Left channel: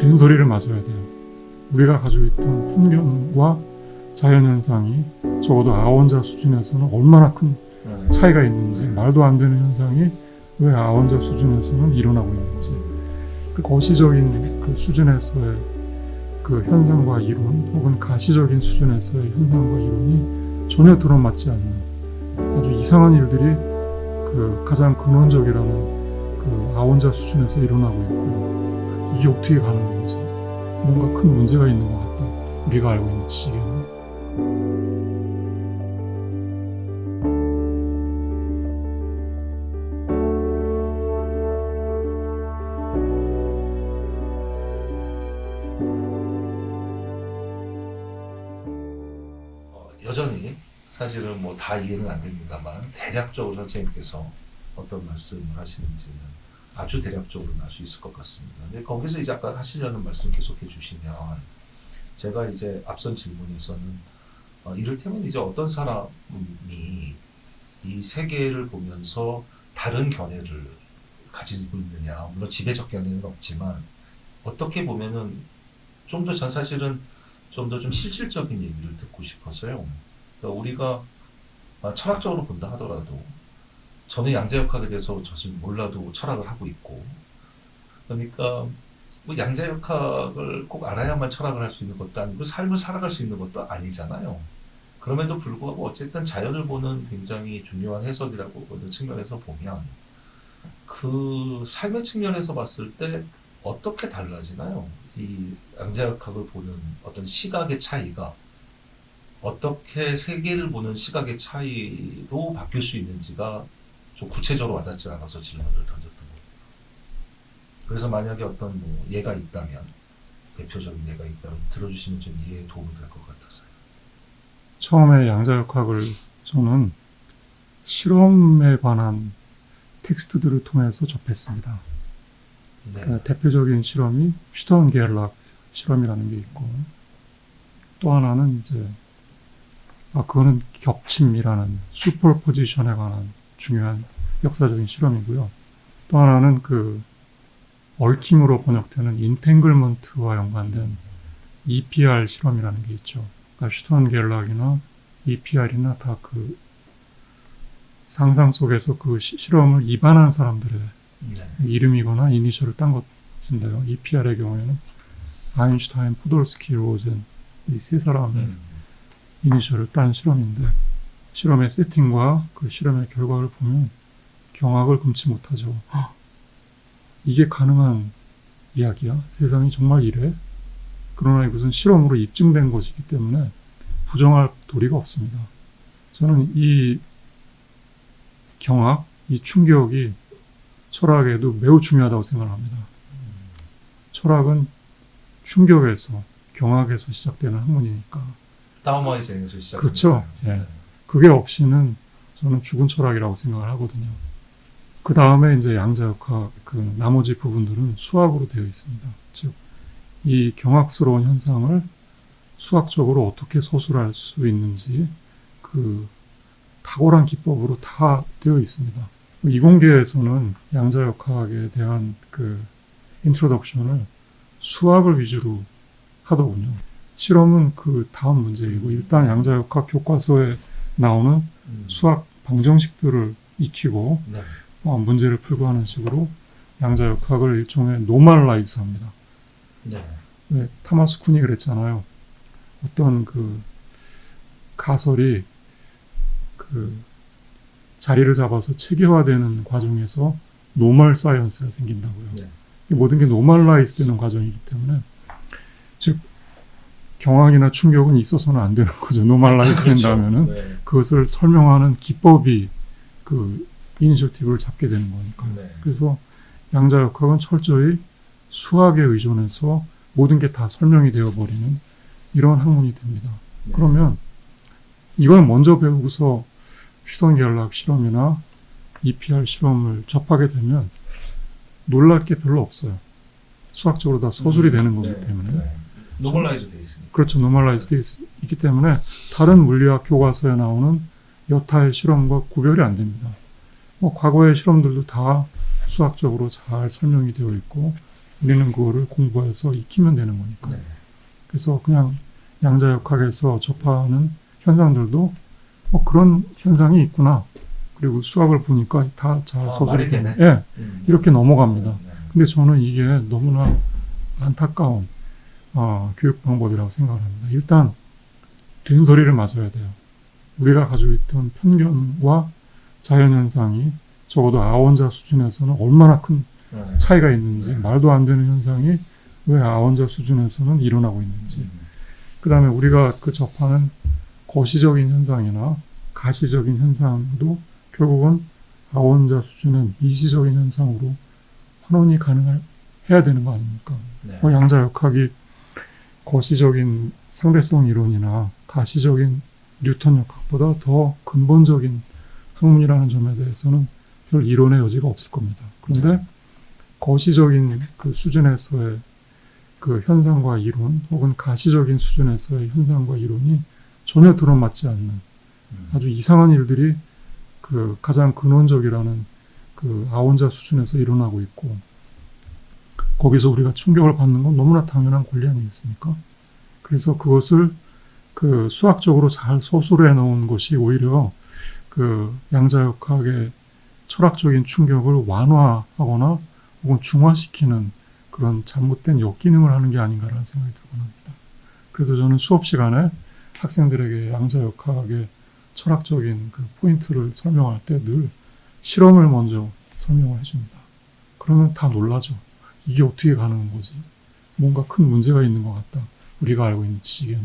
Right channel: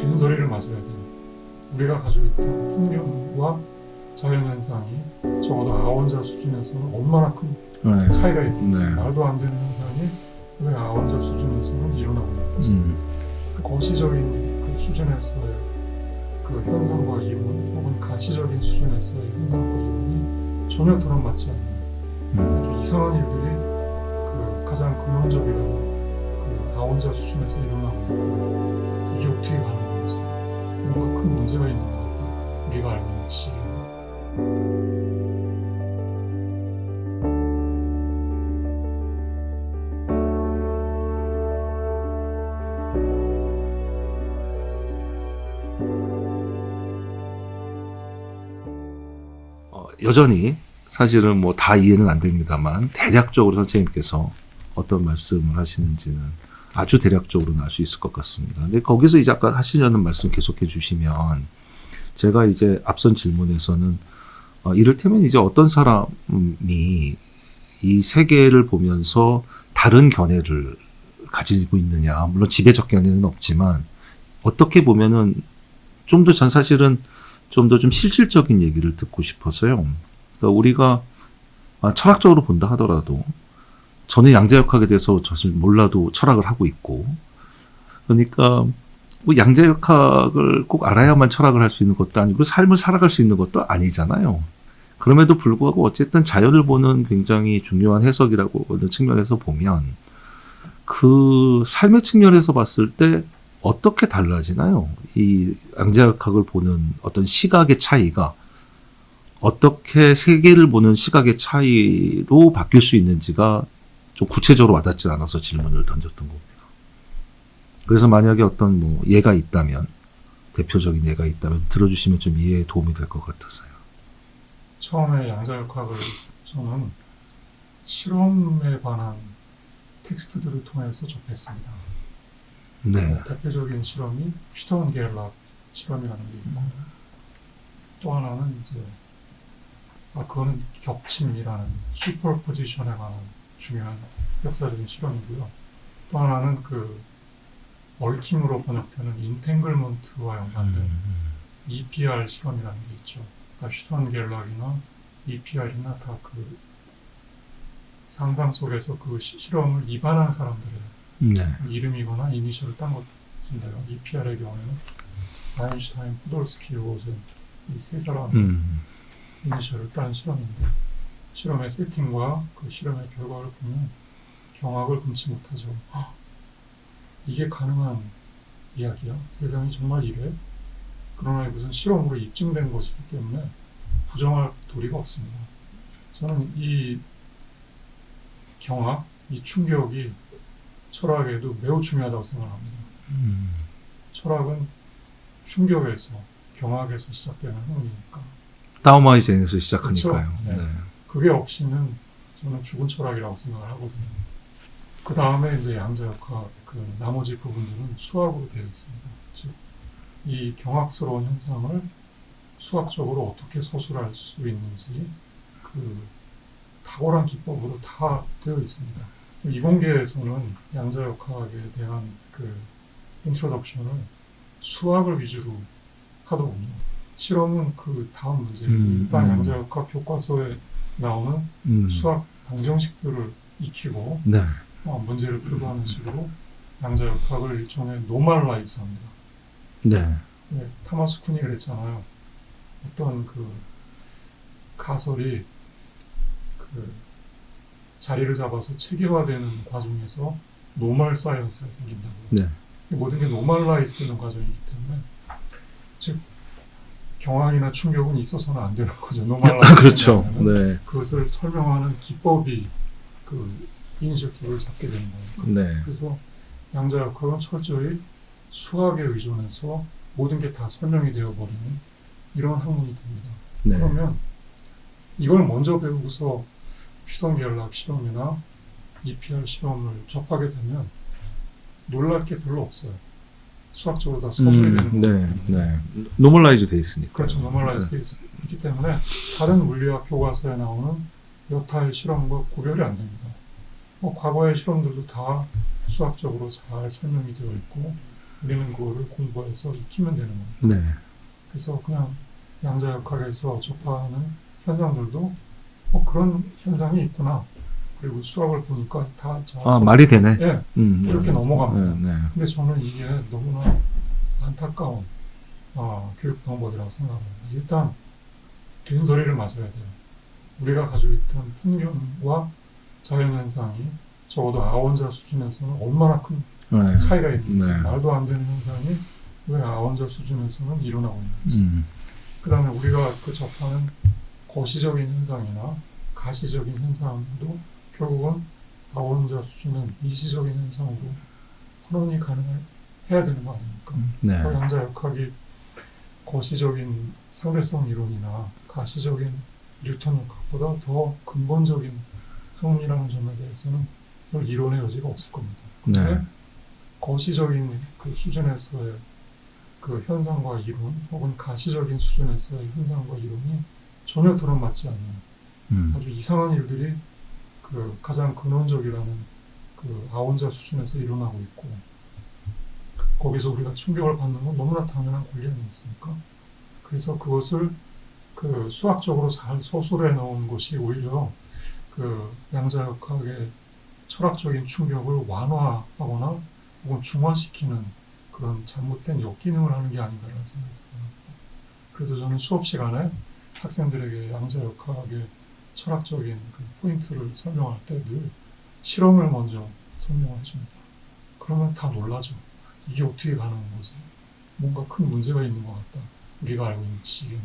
된소리를 맞아야 돼요. 우리가 가지고 있던 편견과 자연현상이 적어도 아원자 수준에서는 얼마나 큰 네. 차이가 있는지 네. 말도 안 되는 현상이 왜 아원자 수준에서는 일어나고 있는지 음. 그 거시적인 그 수준에서의 그 현상과 이론 혹은 가시적인 수준에서의 현상과 이론이 전혀 들어맞지 않는 아주 이상한 일들이 그 가장 근원적이라는 그 아원자 수준에서 일어나고 있고 이게 어떻게 건지 뭔가 큰 문제가 있는 것 같다 우리가 알고 있는 지식에는 어, 여전히 사실은 뭐 다 이해는 안 됩니다만 대략적으로 선생님께서 어떤 말씀을 하시는지는 아주 대략적으로는 알 수 있을 것 같습니다. 근데 거기서 이제 아까 하시려는 말씀 계속해 주시면 제가 이제 앞선 질문에서는 어, 이를테면 이제 어떤 사람이 이 세계를 보면서 다른 견해를 가지고 있느냐 물론 지배적 견해는 없지만 어떻게 보면은 좀 더 전 사실은 좀 더좀 실질적인 얘기를 듣고 싶어서요. 그러니까 우리가 아, 철학적으로 본다 하더라도 저는 양자역학에 대해서 사실 몰라도 철학을 하고 있고 그러니까 뭐 양자역학을 꼭 알아야만 철학을 할 수 있는 것도 아니고 삶을 살아갈 수 있는 것도 아니잖아요. 그럼에도 불구하고 어쨌든 자연을 보는 굉장히 중요한 해석이라고 하는 측면에서 보면 그 삶의 측면에서 봤을 때 어떻게 달라지나요? 이 양자역학을 보는 어떤 시각의 차이가 어떻게 세계를 보는 시각의 차이로 바뀔 수 있는지가 좀 구체적으로 와닿지 않아서 질문을 던졌던 겁니다. 그래서 만약에 어떤 뭐 예가 있다면 대표적인 예가 있다면 들어주시면 좀 이해에 도움이 될 것 같아서요. 처음에 양자역학을 저는 실험에 관한 텍스트들을 통해서 접했습니다. 네. 어, 대표적인 실험이 슈턴게를락 실험이라는 게 있고 또 하나는 이제 아 그거는 겹침이라는 슈퍼포지션에 관한 중요한 역사적인 실험이고요. 또 하나는 그 얽힘으로 번역되는 인탱글먼트와 연관된 EPR 실험이라는 게 있죠. 그러니까 슈턴게를락이나 EPR이나 다 그 상상 속에서 그 시- 실험을 입안한 사람들의 네. 이름이거나 이니셜을 딴 것인데요. EPR의 경우에는 아인슈타인, 포돌스키, 로젠 이 세 사람의 음. 이니셜을 딴 실험인데 실험의 세팅과 그 실험의 결과를 보면 경악을 금치 못하죠. 헉, 이게 가능한 이야기야? 세상이 정말 이래? 그러나 이것은 실험으로 입증된 것이기 때문에 부정할 도리가 없습니다. 저는 이 경악, 이 충격이 철학에도 매우 중요하다고 생각합니다. 음. 철학은 충격에서, 경악에서 시작되는 학문이니까 다오마이젠에서 시작하니까요. 그렇죠. 예. 네. 그게 없이는 저는 죽은 철학이라고 생각을 하거든요. 그 다음에 이제 양자역학 그 나머지 부분들은 수학으로 되어 있습니다. 즉, 이 경악스러운 현상을 수학적으로 어떻게 서술할 수 있는지 그 탁월한 기법으로 다 되어 있습니다. 이공계에서는 양자역학에 대한 그 인트로덕션을 수학을 위주로 하더군요. 실험은 그 다음 문제이고 음, 일단 음. 양자역학 교과서에 나오는 음. 수학 방정식들을 익히고 네. 어, 문제를 풀고 하는 식으로 양자 역학을 일종의 노멀라이즈 합니다. 네. 네, 타마스 쿤이 그랬잖아요. 어떤 그 가설이 그 자리를 잡아서 체계화되는 과정에서 노멀 사이언스가 생긴다고요. 네. 이 모든 게 노멀라이즈 되는 과정이기 때문에 즉 경악이나 충격은 있어서는 안 되는 거죠. 노멀라이즈 된다면은 네. 그것을 설명하는 기법이 그 이니셔티브를 잡게 되는 거니까. 네. 그래서 양자역학은 철저히 수학에 의존해서 모든 게 다 설명이 되어버리는 이런 학문이 됩니다. 네. 그러면 이걸 먼저 배우고서 슈턴겔락 실험이나 EPR 실험을 접하게 되면 놀랄 게 별로 없어요. 수학적으로 다 서술이 음, 되는 거기 네, 때문에. 네. 노멀라이즈 돼 있으니까. 그렇죠. 노멀라이즈 되어 있기 때문에 다른 물리학 교과서에 나오는 여타의 실험과 구별이 안 됩니다. 뭐 과거의 실험들도 다 수학적으로 잘 설명이 되어 있고 우리는 그거를 공부해서 익히면 되는 거니까. 네. 그래서 그냥 양자역학에서 접하는 현상들도 어, 그런 현상이 있구나. 그리고 수학을 보니까 다 자, 아, 말이 되네. 예, 음, 이렇게 넘어갑니다. 네, 네. 근데 저는 이게 너무나 안타까운 어, 교육 방법이라고 생각합니다. 일단 된 소리를 맞아야 돼요. 우리가 가지고 있던 편견과 자연현상이 적어도 아원자 수준에서는 얼마나 큰 네. 차이가 있는지 네. 말도 안 되는 현상이 왜 아원자 수준에서는 일어나고 있는지 음, 그 다음에 우리가 그 접하는 거시적인 현상이나 가시적인 현상도 결국은 아원자 수준은 이시적인 현상으로 환원이 가능해야 되는 거 아닙니까? 네. 그 양자 역학이 거시적인 상대성 이론이나 가시적인 뉴턴 역학보다 더 근본적인 학문이라는 점에 대해서는 별 이론의 여지가 없을 겁니다. 그런데 네. 거시적인 그 수준에서의 그 현상과 이론 혹은 가시적인 수준에서의 현상과 이론이 전혀 들어맞지 않는 음, 아주 이상한 일들이 그 가장 근원적이라는 그 아원자 수준에서 일어나고 있고 거기서 우리가 충격을 받는 건 너무나 당연한 권리 아니겠습니까? 그래서 그것을 그 수학적으로 잘 소술해 놓은 것이 오히려 그 양자역학의 철학적인 충격을 완화하거나 혹은 중화시키는 그런 잘못된 역기능을 하는 게 아닌가라는 생각이 들곤 합니다. 그래서 저는 수업 시간에 학생들에게 양자역학의 철학적인 그 포인트를 설명할 때 늘 실험을 먼저 설명을 해줍니다. 그러면 다 놀라죠. 이게 어떻게 가능한 거지? 뭔가 큰 문제가 있는 것 같다. 우리가 알고 있는 지식에는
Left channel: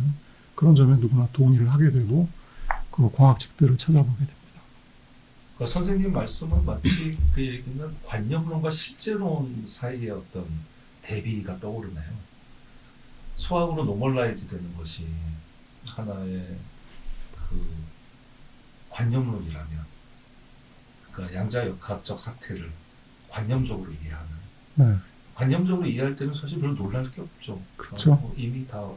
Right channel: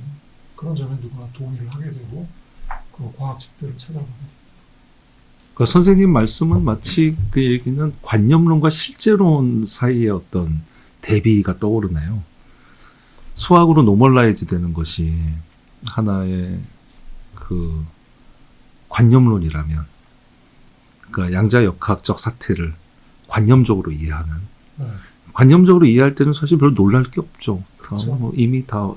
그런 점에 누구나 동의를 하게 되고 그 광학책들을 찾아보게 됩니다. 그 선생님 말씀은 마치 그 얘기는 관념론과 실제론 사이의 어떤 대비가 떠오르네요. 수학으로 노멀라이즈 되는 것이 하나의 그 관념론이라면 그 양자역학적 사태를 관념적으로 이해하는 네, 관념적으로 이해할 때는 사실 별로 놀랄 게 없죠. 그쵸. 뭐 이미 다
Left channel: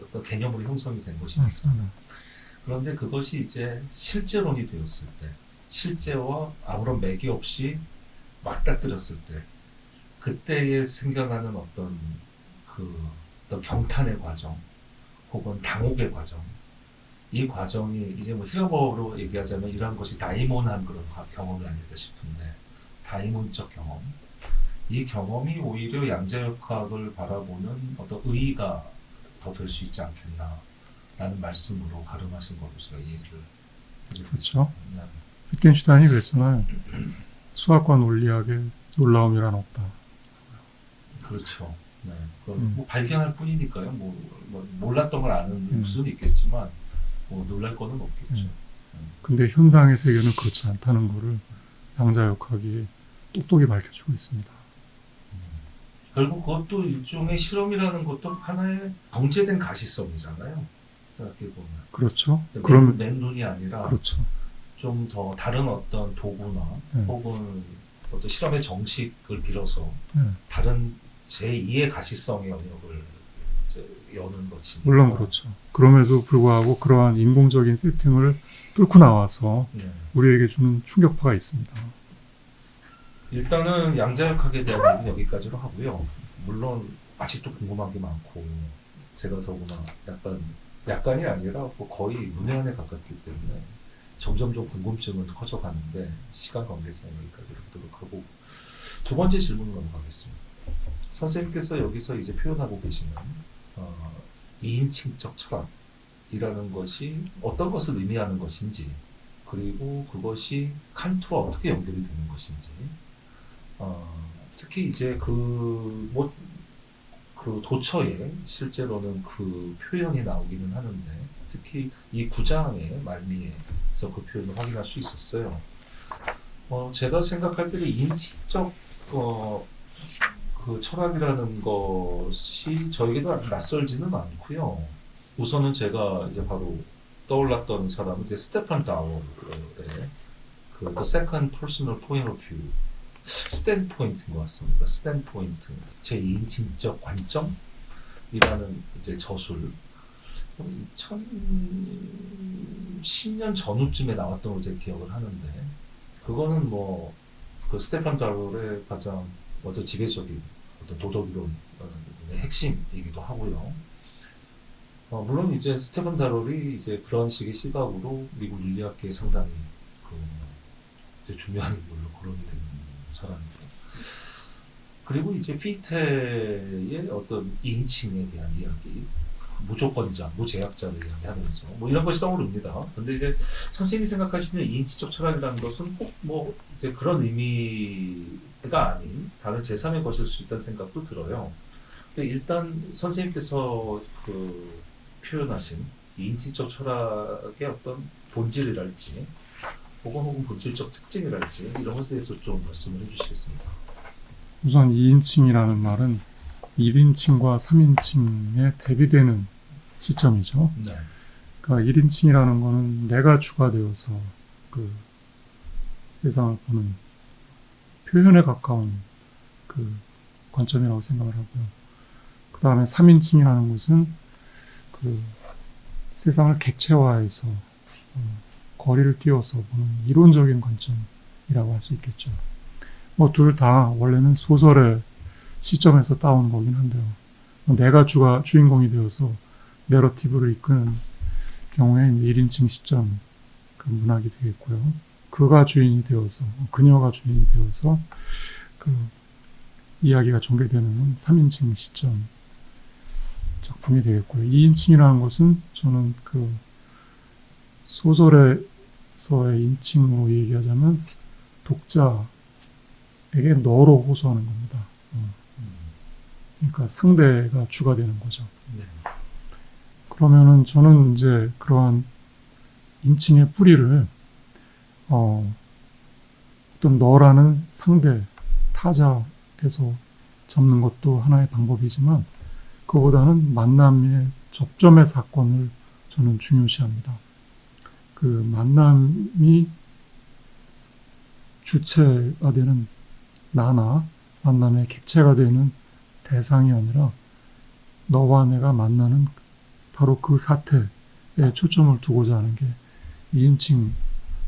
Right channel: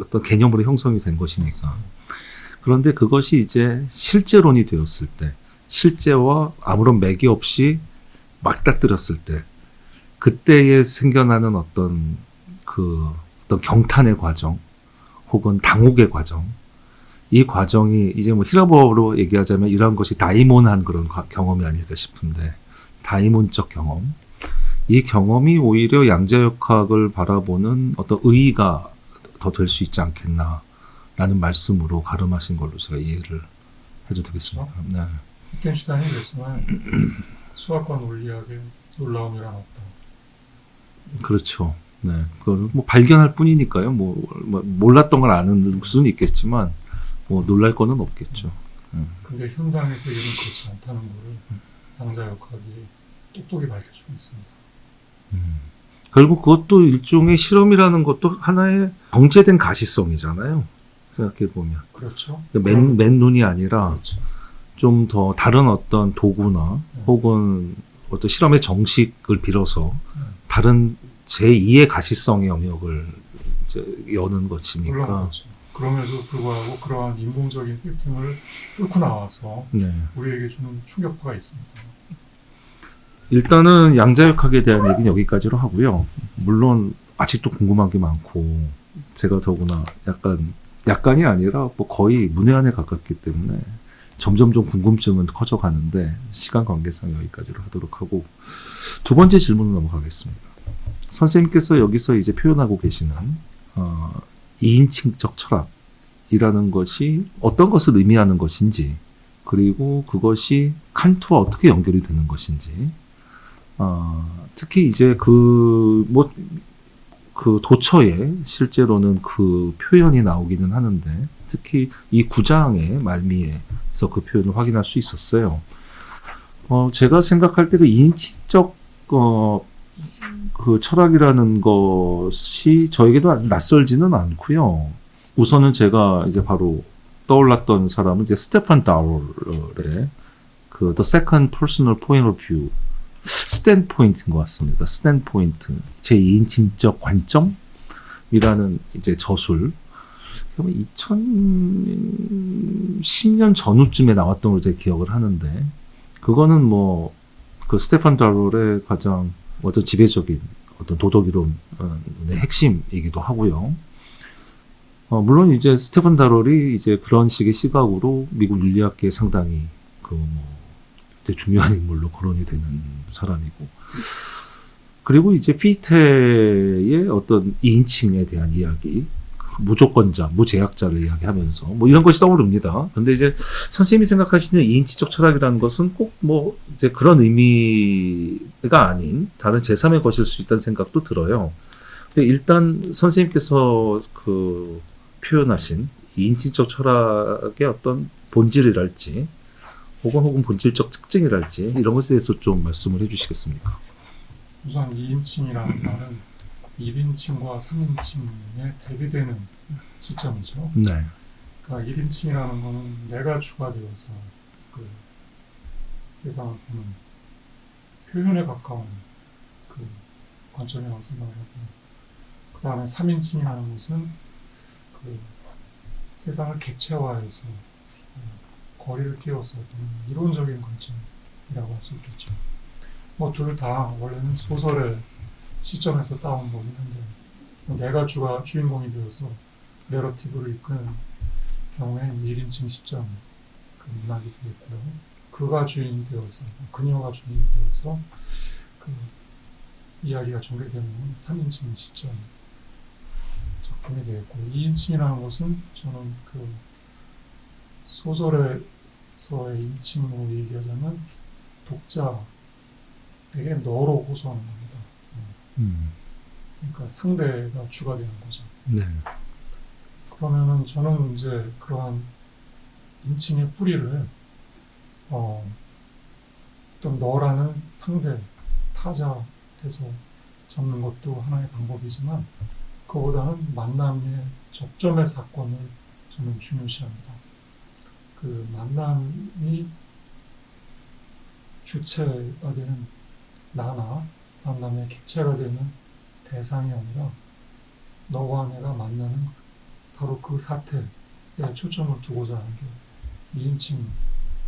어떤 개념으로 형성이 된 것이니까. 맞습니다. 그런데 그것이 이제 실제론이 되었을 때, 실제와 아무런 맥이 없이 맞닥뜨렸을 때, 그때에 생겨나는 어떤 그 어떤 경탄의 과정, 혹은 당혹의 과정, 이 과정이 이제 뭐 히라버로 얘기하자면 이런 것이 다이몬한 그런 과- 경험이 아닐까 싶은데, 다이몬적 경험. 이 경험이 오히려 양자역학을 바라보는 어떤 의의가 더 될 수 있지 않겠나 라는 말씀으로 가름하신 걸로 제가 이해를 해도 되겠습니까? 네. 위켄슈타인이 그랬잖아요. 수학과 논리학의 놀라움이란 없다. 그렇죠. 네. 그걸 뭐 발견할 뿐이니까요. 뭐, 뭐 몰랐던 걸 아는 수는 있겠지만 뭐 놀랄 거는 없겠죠. 근데 현상의 세계는 그렇지 않다는 것을 양자 역학이 똑똑히 밝혀주고 있습니다. 음. 결국 그것도 일종의 실험이라는 것도 하나의 정제된 가시성이잖아요. 생각해 보면 그렇죠. 맨, 그럼- 맨 눈이 아니라 그렇죠. 좀 더 다른 어떤 도구나 네. 혹은 어떤 실험의 정식을 빌어서 네. 다른 제2의 가시성의 영역을 여는 것이니까. 물론 그렇죠. 그럼에도 불구하고 그러한 인공적인 세팅을 뚫고 나와서 네. 우리에게 주는 충격파가 있습니다. 일단은 양자역학에 대한 얘기는 여기까지로 하고요. 물론 아직도 궁금한 게 많고 제가 더구나 약간 약간이 아니라 뭐 거의 문외한에 가깝기 때문에 점점 좀 궁금증은 커져 가는데 시간 관계상 여기까지로 하도록 하고 두 번째 질문으로 넘어가겠습니다. 선생님께서 여기서 이제 표현하고 계시는 어, 이인칭적 철학이라는 것이 어떤 것을 의미하는 것인지 그리고 그것이 칸트와 어떻게 연결이 되는 것인지 어, 특히 이제 그, 뭐, 그 도처에 실제로는 그 표현이 나오기는 하는데, 특히 이 구장의 말미에서 그 표현을 확인할 수 있었어요. 어, 제가 생각할 때 그 인치적, 어, 그 철학이라는 것이 저에게도 아주 낯설지는 않고요. 우선은 제가 이제 바로 떠올랐던 사람은 이제 스테판 다월의 그 The Second Personal Point of View 스탠 포인트인 것 같습니다. 스탠 포인트. 제 2인칭적 관점이라는 이제 저술. 2010년 전후쯤에 나왔던 걸로 제가 기억을 하는데, 그거는 뭐, 그 스테판 다롤의 가장 어떤 지배적인 어떤 도덕이론의 핵심이기도 하고요. 어, 물론 이제 스테픈 다롤이 이제 그런 식의 시각으로 미국 윤리학계에 상당히 그 이제 중요한 인물로 거론이 되는 사람이고 그리고 이제 피테의 어떤 이인칭에 대한 이야기 무조건자, 무제약자를 이야기하면서 뭐 이런 것이 떠오릅니다. 근데 이제 선생님이 생각하시는 이인치적 철학이라는 것은 꼭 뭐 이제 그런 의미가 아닌 다른 제3의 것일 수 있다는 생각도 들어요. 근데 일단 선생님께서 그 표현하신 이인치적 철학의 어떤 본질이랄지 혹은 혹은 본질적 특징이랄지 이런 것에 대해서 좀 말씀을 해주시겠습니까? 우선 2인칭이라는 말은 1인칭과 3인칭에 대비되는 시점이죠. 네. 그러니까 1인칭이라는 거는 내가 주가 되어서 그 세상을 보는 표현에 가까운 그 관점이라고 생각을 하고요. 그 다음에 3인칭이라는 것은 그 세상을 객체화해서 어, 거리를 띄워서 보는 이론적인 관점이라고 할 수 있겠죠. 뭐 둘 다 원래는 소설의 시점에서 따온 거긴 한데요. 뭐 내가 주가 주인공이 되어서 내러티브를 이끄는 경우엔 1인칭 시점 그 문학이 되겠고요. 그가 주인이 되어서 그녀가 주인이 되어서 그 이야기가 전개되는 3인칭 시점 작품이 되겠고요. 2인칭이라는 것은 저는 그 소설에 서의 인칭으로 얘기하자면 독자에게 너로 호소하는 겁니다. 음. 그러니까 상대가 주가 되는 거죠. 네. 그러면은 저는 이제 그러한 인칭의 뿌리를 어, 어떤 너라는 상대 타자에서 잡는 것도 하나의 방법이지만 그보다는 만남의 접점의 사건을 저는 중요시합니다. 그 만남이 주체가 되는 나나 만남의 객체가 되는 대상이 아니라 너와 내가 만나는 바로 그 사태에 초점을 두고자 하는 게 2인칭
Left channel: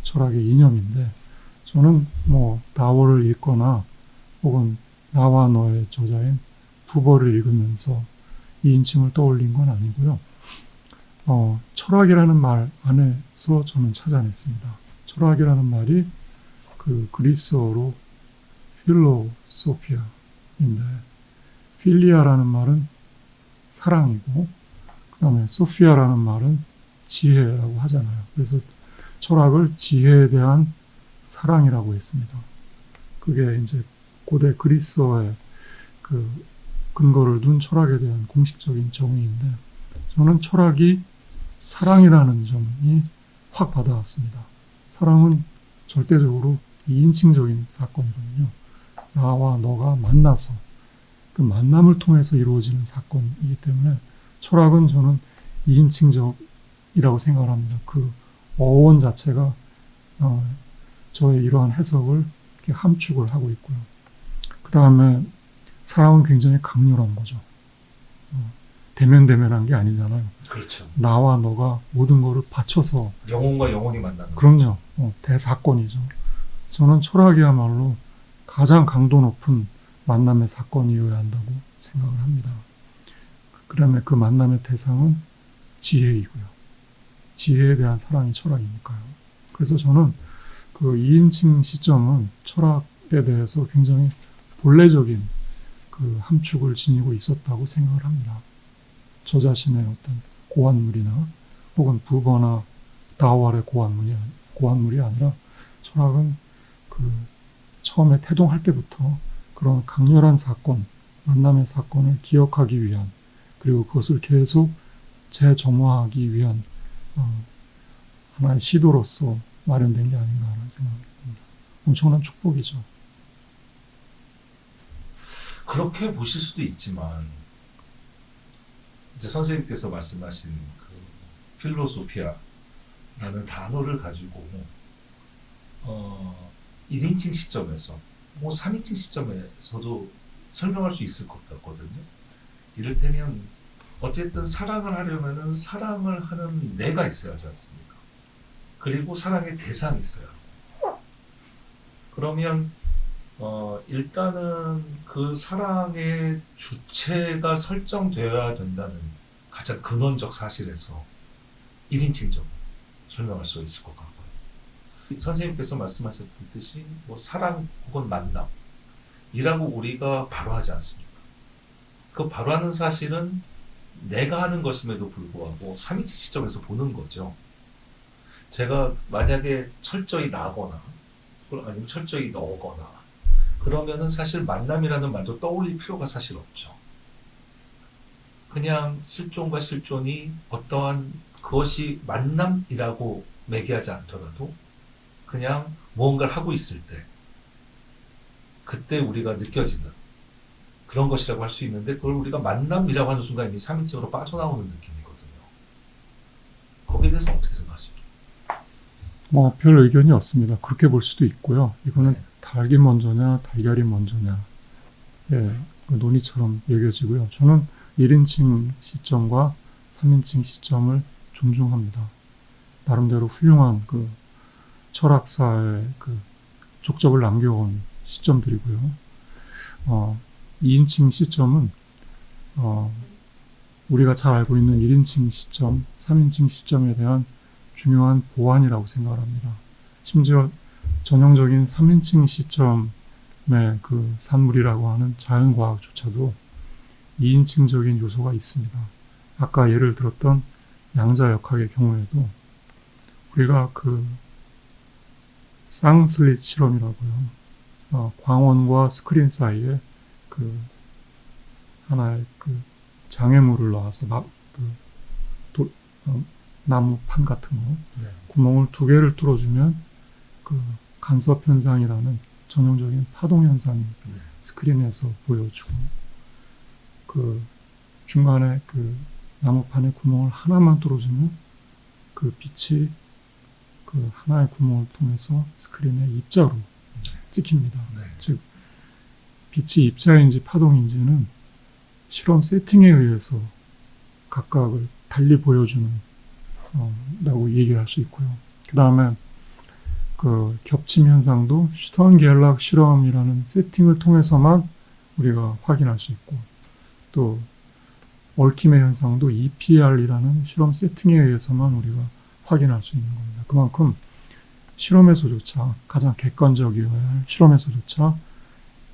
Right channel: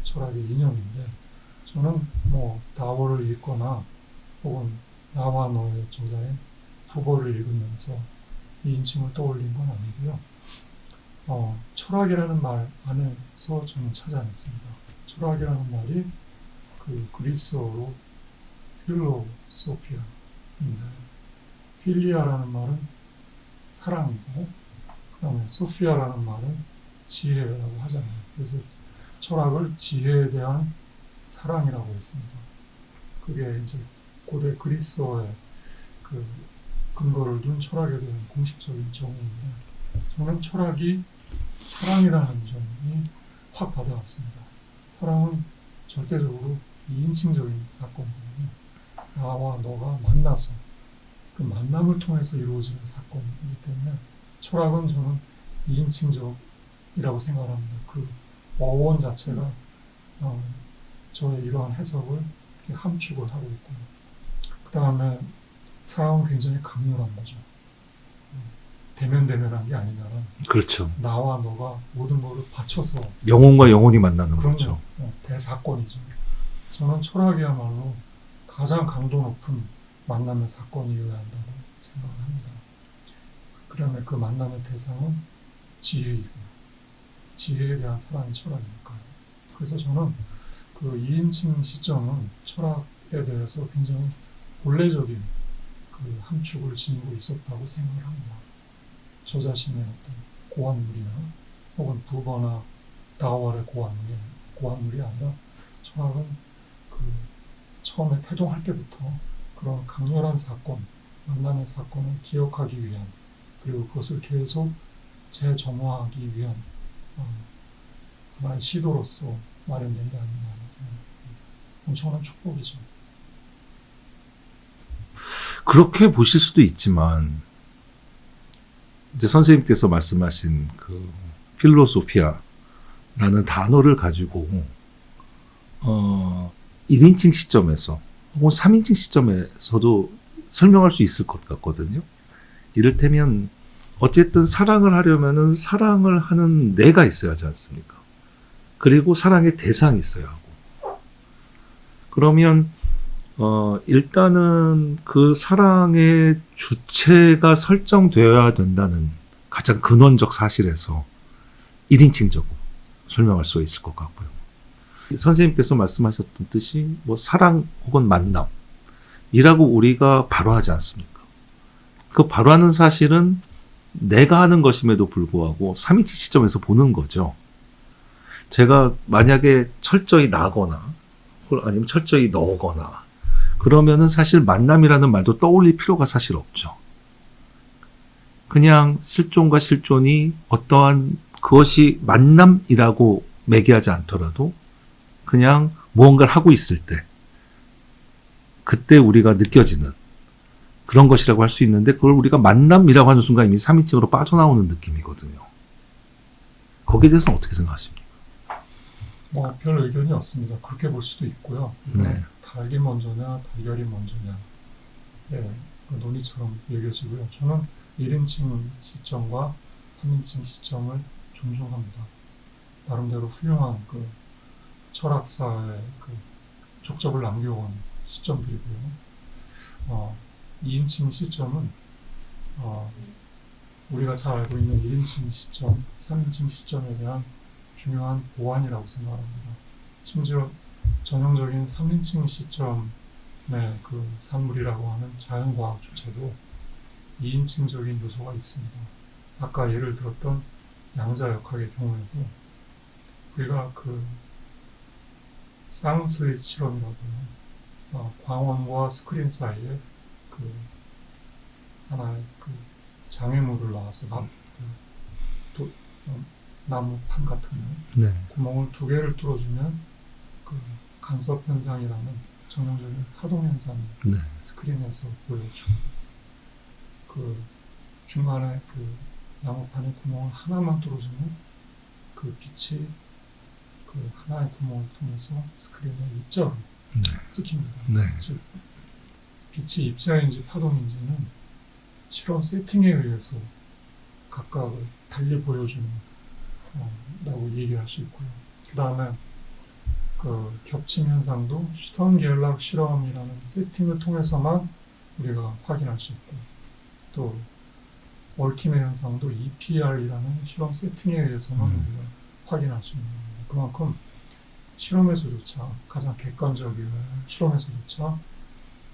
철학의 이념인데 저는 뭐 다워를 읽거나 혹은 나와 너의 저자인 부버를 읽으면서 2인칭을 떠올린 건 아니고요. 어, 철학이라는 말 안에서 저는 찾아냈습니다. 철학이라는 말이 그 그리스어로 필로소피아인데 필리아라는 말은 사랑이고 그다음에 소피아라는 말은 지혜라고 하잖아요. 그래서 철학을 지혜에 대한 사랑이라고 했습니다. 그게 이제 고대 그리스어의 그 근거를 둔 철학에 대한 공식적인 정의인데 저는 철학이 사랑이라는 점이 확 받아왔습니다. 사랑은 절대적으로 이인칭적인 사건이거든요. 나와 너가 만나서 그 만남을 통해서 이루어지는 사건이기 때문에 철학은 저는 2인칭적이라고 생각을 합니다. 그 어원 자체가 어, 저의 이러한 해석을 함축을 하고 있고요. 그 다음에 사랑은 굉장히 강렬한 거죠. 어, 대면대면한 게 아니잖아요. 그렇죠. 나와 너가 모든 거를 바쳐서 영혼과 영혼이 만나는 그럼요. 어, 대사건이죠. 저는 철학이야말로 가장 강도 높은 만남의 사건이어야 한다고 생각을 합니다. 그다음에 그 만남의 대상은 지혜이고요. 지혜에 대한 사랑이 철학이니까요. 그래서 저는 그 2인칭 시점은 철학에 대해서 굉장히 본래적인 그 함축을 지니고 있었다고 생각을 합니다. 저 자신의 어떤 고안물이나 혹은 부거나 다와의 고안물이, 고안물이 아니라 철학은 그 처음에 태동할 때부터 그런 강렬한 사건, 만남의 사건을 기억하기 위한 그리고 그것을 계속 재점화하기 위한 어, 하나의 시도로서 마련된 게 아닌가 하는 생각이 듭니다. 엄청난 축복이죠. 그렇게 보실 수도 있지만 이제 선생님께서 말씀하신 그 필로소피아라는 단어를 가지고 어 1인칭 시점에서 혹은 3인칭 시점에서도 설명할 수 있을 것 같거든요. 이를테면 어쨌든 사랑을 하려면은 사랑을 하는 내가 있어야 하지 않습니까? 그리고 사랑의 대상이 있어야 하고. 그러면 어, 일단은 그 사랑의 주체가 설정되어야 된다는 가장 근원적 사실에서 1인칭적으로 설명할 수 있을 것 같고요. 선생님께서 말씀하셨던 뜻이 뭐 사랑 혹은 만남이라고 우리가 바로 하지 않습니까? 그 바로 하는 사실은 내가 하는 것임에도 불구하고 3인칭 시점에서 보는 거죠. 제가 만약에 철저히 나거나 아니면 철저히 너거나 그러면은 사실 만남이라는 말도 떠올릴 필요가 사실 없죠. 그냥 실존과 실존이 어떠한 그것이 만남이라고 매개하지 않더라도 그냥 무언가를 하고 있을 때 그때 우리가 느껴지는 그런 것이라고 할 수 있는데 그걸 우리가 만남이라고 하는 순간 이미 3인칭으로 빠져나오는 느낌이거든요. 거기에 대해서 어떻게 생각하십니까? 뭐 별 의견이 없습니다. 그렇게 볼 수도 있고요. 이거는 네. 닭이 먼저냐 달걀이 먼저냐 예, 그 논의처럼 여겨지고요. 저는 1인칭 시점과 3인칭 시점을 존중합니다. 나름대로 훌륭한 그 철학사의 그 족적을 남겨온 시점들이고요. 어, 2인칭 시점은 어, 우리가 잘 알고 있는 1인칭 시점, 3인칭 시점에 대한 중요한 보완이라고 생각을 합니다. 심지어 전형적인 3인칭 시점의 그 산물이라고 하는 자연과학조차도 2인칭적인 요소가 있습니다. 아까 예를 들었던 양자 역학의 경우에도 우리가 그 쌍슬릿 실험이라고 요. 어, 광원과 스크린 사이에 그 하나의 그 장애물을 넣어서 나, 그 도, 어, 나무 판 같은 거 네. 구멍을 두 개를 뚫어주면 그 간섭 현상이라는 전형적인 파동 현상이 네. 스크린에서 보여주고 그 중간에 그 나무판에 구멍을 하나만 뚫어주면 그 빛이 그 하나의 구멍을 통해서 스크린에 입자로 네. 찍힙니다. 네. 즉 빛이 입자인지 파동인지는 실험 세팅에 의해서 각각을 달리 보여주는 어, 라고 얘기할 수 있고요. 그 다음에 그 겹침 현상도 슈턴겔락 실험이라는 세팅을 통해서만 우리가 확인할 수 있고 또 얽힘의 현상도 EPR이라는 실험 세팅에 의해서만 우리가 확인할 수 있는 겁니다. 그만큼 실험에서조차 가장 할 실험에서조차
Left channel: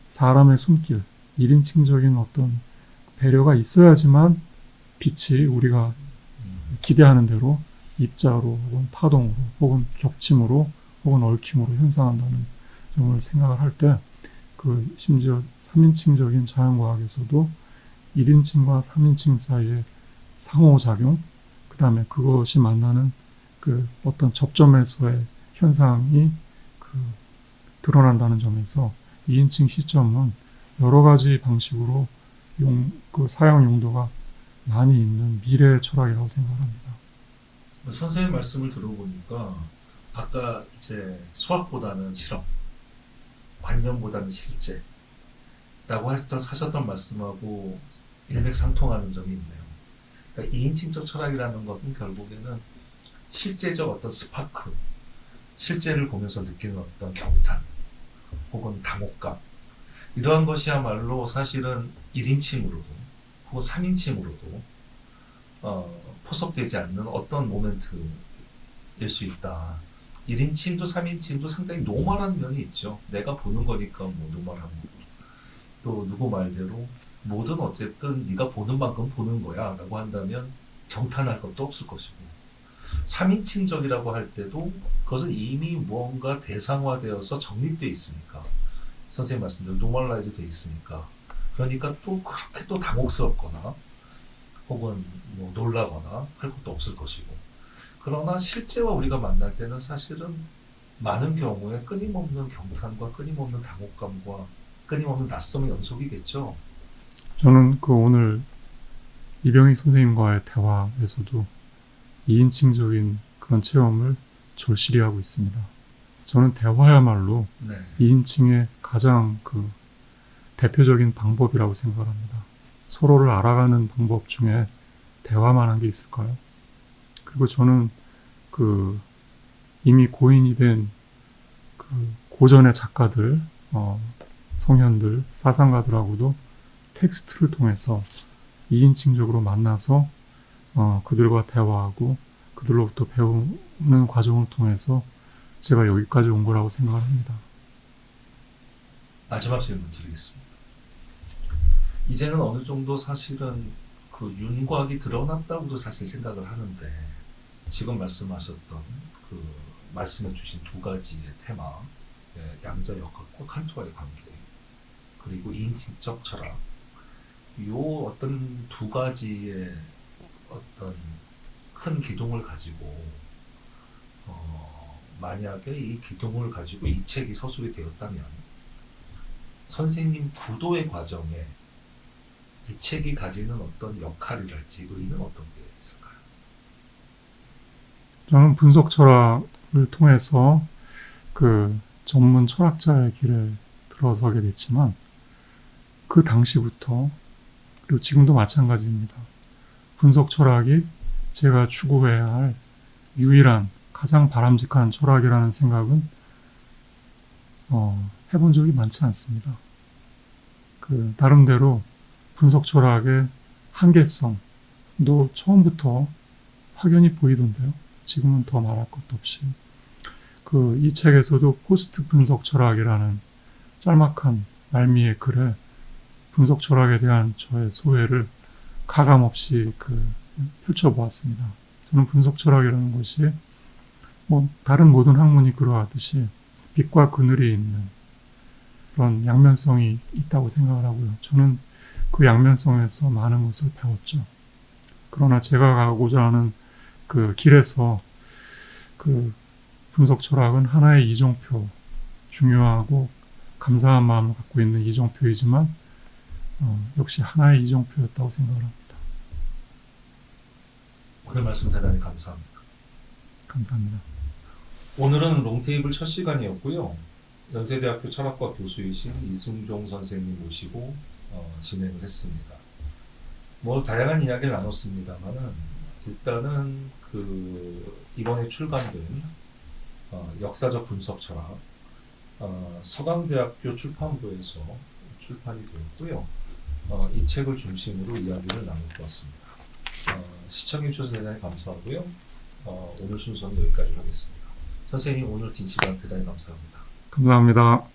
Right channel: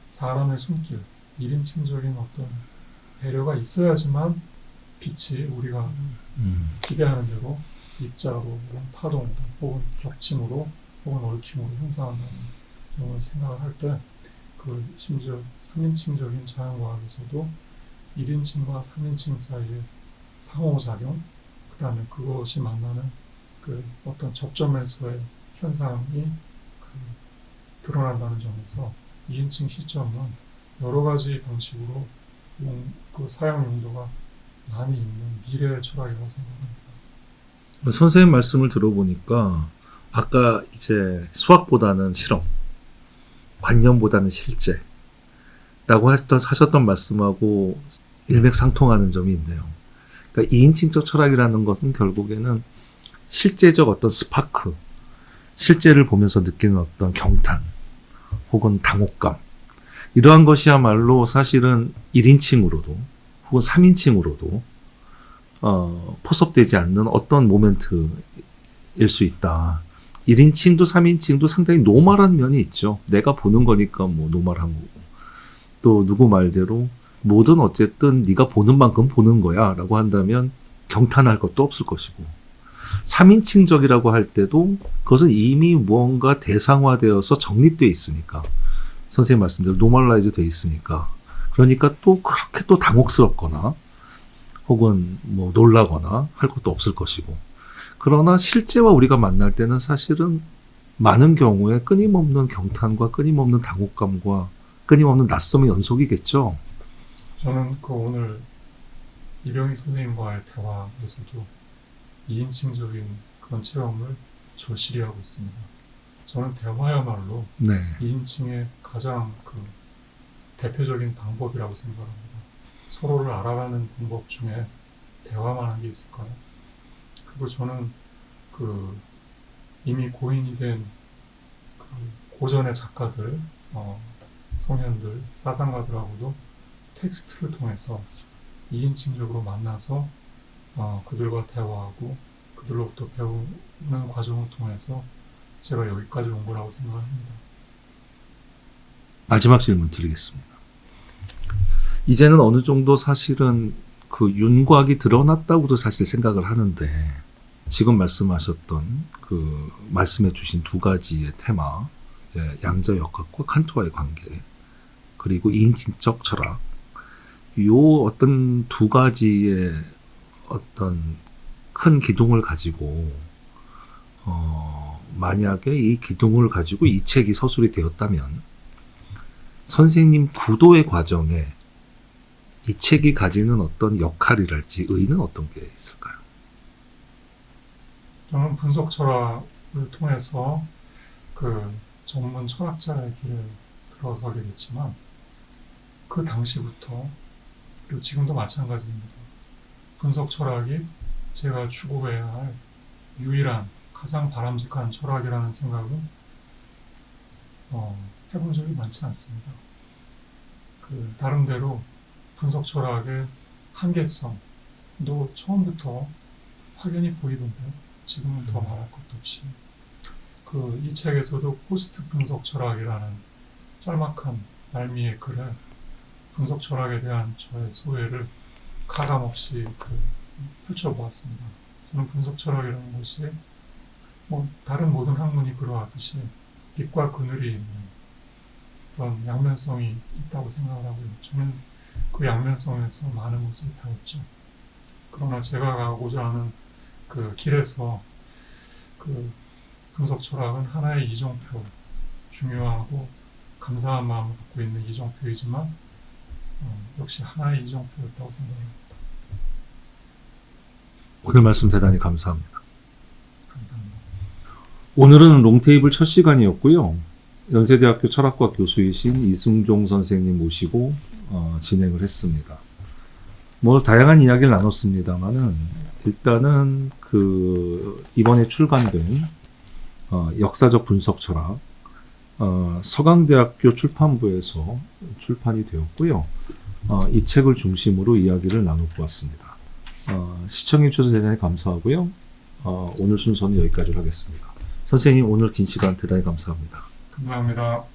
사람의 손길, 1인칭적인 어떤 배려가 있어야지만 빛이 우리가 음. 기대하는 대로 입자로 혹은 파동으로 혹은 겹침으로 혹은 얽힘으로 현상한다는 점을 생각을 할 때 그 심지어 3인칭적인 자연과학에서도 1인칭과 3인칭 사이의 상호작용 그 다음에 그것이 만나는 그 어떤 접점에서의 현상이 그 드러난다는 점에서 2인칭 시점은 여러 가지 방식으로 용, 그 사용 용도가 많이 있는 미래 철학이라고 생각합니다. 선생님 말씀을 들어보니까 아까 이제 수학보다는 실험, 관념보다는 실제 라고 하셨던, 하셨던 말씀하고 일맥상통하는 점이 있네요. 그러니까 2인칭적 철학이라는 것은 결국에는 실제적 어떤 스파크, 실제를 보면서 느끼는 어떤 경탄, 혹은 당혹감, 이러한 것이야말로 사실은 1인칭으로도 혹은 3인칭으로도 어, 포섭되지 않는 어떤 모멘트일 수 있다. 1인칭도 3인칭도 상당히 노멀한 면이 있죠. 내가 보는 거니까 뭐 노멀한 거고. 또 누구 말대로 뭐든 어쨌든 네가 보는 만큼 보는 거야 라고 한다면 경탄할 것도 없을 것이고 3인칭적이라고 할 때도 그것은 이미 무언가 대상화되어서 정립되어 있으니까 선생님 말씀대로 노멀라이즈 되어 있으니까 그러니까 또 그렇게 또 당혹스럽거나 혹은 뭐 놀라거나 할 것도 없을 것이고 그러나 실제와 우리가 만날 때는 사실은 많은 경우에 끊임없는 경탄과 끊임없는 당혹감과 끊임없는 낯섦의 연속이겠죠. 저는 그 오늘 이병희 선생님과의 대화에서도 2인칭적인 그런 체험을 절실히 하고 있습니다. 저는 대화야말로 네. 2인칭의 가장 그 대표적인 방법이라고 생각합니다. 서로를 알아가는 방법 중에 대화만 한 게 있을까요? 그리고 저는 그 이미 고인이 된 그 고전의 작가들, 어, 성현들, 사상가들하고도 텍스트를 통해서 2인칭적으로 만나서 어, 그들과 대화하고 그들로부터 배우는 과정을 통해서 제가 여기까지 온 거라고 생각합니다. 마지막 질문 드리겠습니다. 이제는 어느 정도 사실은 그 윤곽이 드러났다고도 사실 생각을 하는데 지금 말씀하셨던 그 말씀해 주신 두 가지의 테마 양자 역학과 칸트와의 관계 그리고 이인칭적 철학 요 어떤 두 가지의 어떤 큰 기둥을 가지고 어 만약에 이 기둥을 가지고 이 책이 서술이 되었다면 선생님 구도의 과정에 이 책이 가지는 어떤 역할이랄지 의의는 어떤 게 있을까요? 저는 분석 철학을 통해서 그 전문 철학자의 길에 들어서게 됐지만 그 당시부터 그리고 지금도 마찬가지입니다. 분석 철학이 제가 추구해야 할 유일한 가장 바람직한 철학이라는 생각은 어, 해본 적이 많지 않습니다. 그 나름대로 분석 철학의 한계성도 처음부터 확연히 보이던데요. 지금은 더 말할 것도 없이 그 이 책에서도 포스트 분석 철학이라는 짤막한 말미의 글에 분석 철학에 대한 저의 소회를 가감 없이 그 펼쳐보았습니다. 저는 분석 철학이라는 것이 뭐 다른 모든 학문이 그러하듯이 빛과 그늘이 있는 그런 양면성이 있다고 생각을 하고요. 저는 그 양면성에서 많은 것을 배웠죠. 그러나 제가 가고자 하는 그 길에서 그 분석 철학은 하나의 이정표, 중요하고 감사한 마음을 갖고 있는 이정표이지만 어, 역시 하나의 이정표였다고 생각합니다. 오늘 말씀 대단히 감사합니다. 감사합니다. 오늘은 롱테이블 첫 시간이었고요. 연세대학교 철학과 교수이신 이승종 선생님 모시고 어, 진행을 했습니다. 뭐 다양한 이야기를 나눴습니다만은 일단은 그 이번에 출간된 어, 역사적 분석 철학 어, 서강대학교 출판부에서 출판이 되었고요. 어, 이 책을 중심으로 이야기를 나눠보았습니다. 어, 시청해주셔서 대단히 감사하고요. 어, 오늘 순서는 여기까지 하겠습니다. 선생님 오늘 긴 시간 대단히 감사합니다. 감사합니다.